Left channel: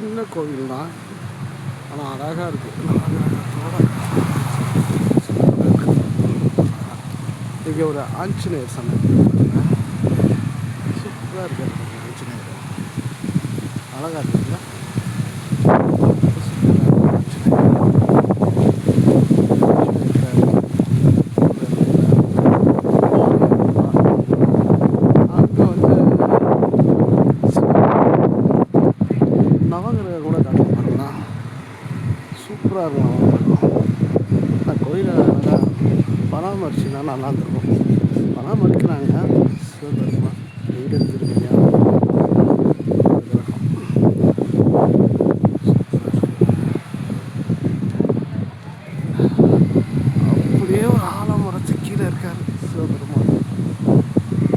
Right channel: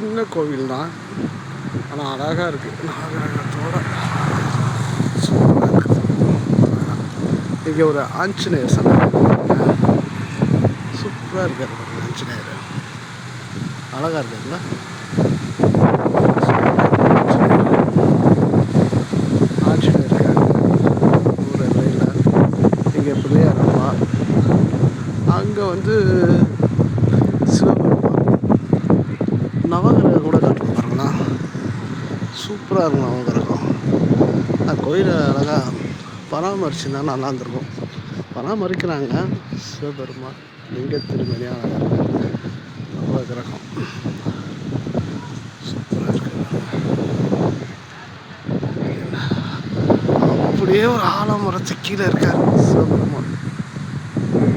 சின்ன கோவில் தான், ஆனால் அழகாக இருக்குது. நாகரகத்தோட சூப்பராக இருக்குது. இங்கே ஒரு ஆஞ்சநேயர் சன்னதி சூப்பராக இருக்கார். ஆஞ்சநேயர் அழகாக இருக்குங்களா? அங்கே வந்து நவகிரகம் கூட காட்டுவோம் பாருங்களா, சூப்பராக இருக்கும் நவகிரகம். அந்த கோயிலை அழகாக பராமரிச்சுன்னா நல்லா இருந்திருக்கும். பராமரிக்கிறாங்க. சிவபெருமான் லிங்க திருமணியாக நவகிரகம் சூப்பராக இருக்கு. அப்படியே ஒரு ஆலமரத்துக்கு கீழே இருக்கார் சிவபெருமான்.